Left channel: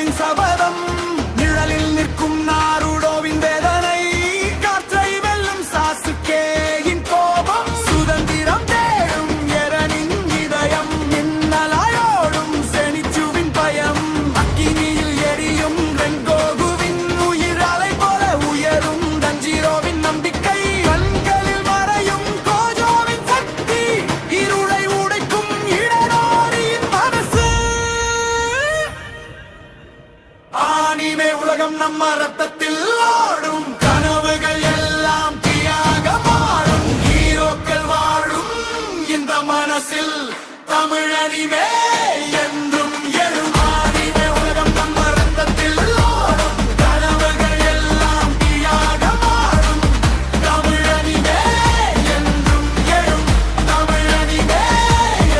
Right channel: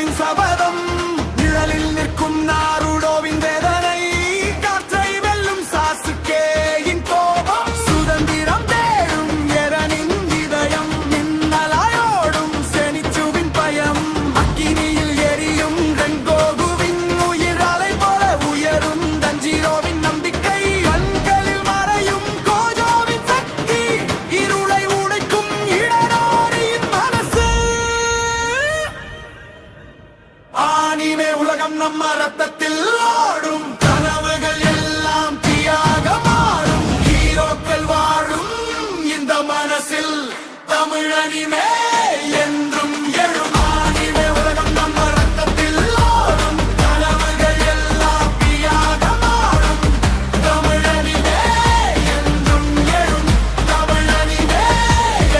ஹீரோவின் சபதம், நிழலில் நிற்கும் நாருடோவின் வேதனை, காற்றை வெல்லும் சாசுகேயின் கோபம், சுதந்திரம் தேடும் எரனின் இதயம், மின்னலாயோடும் செனிச்சுவின் பயம், அக்கினியில் எரியும் ரெங்கோகுவின் உயிர் அலை போல உயரும் தஞ்சிரோவின் நம்பிக்கை, கண்களில் மறையும் கோஜோவின் சக்தி, இருளை உடைக்கும் இடரோரியின் மனசு. ஆனிமே உலகம் நம்ம ரத்தத்தில் ஓடும், கனவுகள் எல்லாம் தீயாக மாறும், ஹீரோக்கள் வாழும் இந்த மனசில் தமிழ் அனிமே என்றும் எழும். ஆனிமே உலகம் நம்ம ரத்தத்தில் ஓடும், கனவுகள் எல்லாம் தீயாக மாறும், தமிழ் அனிமே என்றும் எழும், தமிழ் அனிமே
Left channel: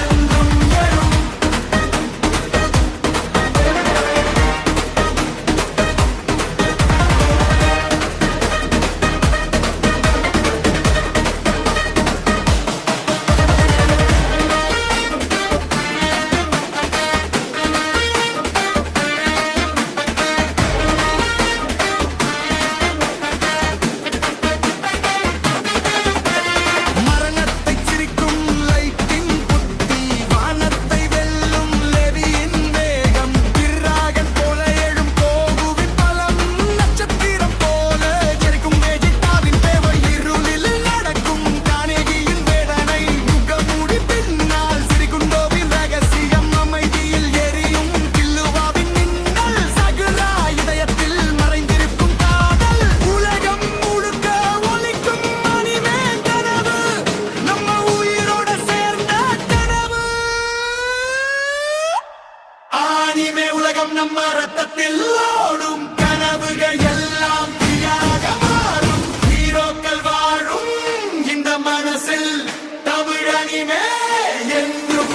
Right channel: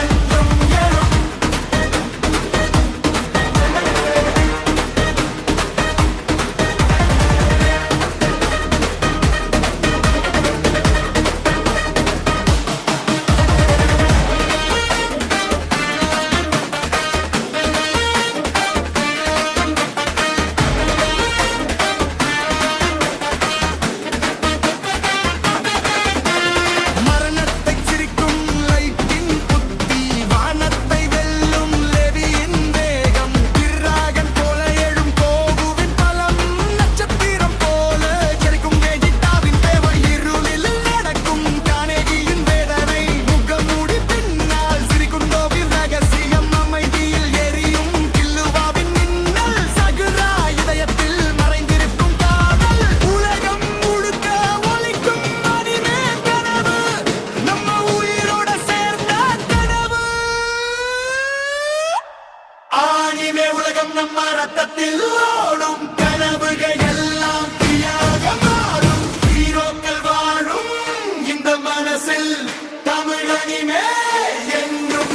என்றும் எழும். மரணத்தை சிரிக்கும் லைட்டின் புத்தி, வானத்தை வெல்லும் லெவியின் வேகம், டிராகன் போல எழும் கோகுவின் பலம், நட்சத்திரம் போல ஜெரிக்கும் வேஜிட்டாவின் தேவை, இருளில் நடக்கும் கானேகியின் வேதனை, முகமூடி பின்னால் சிரிக்குண்டோவின் ரகசியம், அமைதியில் எரியும் கில்லுவாவின் மின்னல், சகுரா இதயத்தில் மறைந்திருக்கும் காதல், உலகம் முழுக்க ஒலிக்கும் அனிமே கனவு, நம்ம உயிரோட சேர்ந்த கனவு. ஆனிமே உலகம் நம்ம ரத்தத்தில் ஓடும், கனவுகள் எல்லாம் தீயாக மாறும், ஹீரோக்கள் வாழும் இந்த மனசில் தமிழ் அனிமே என்றும்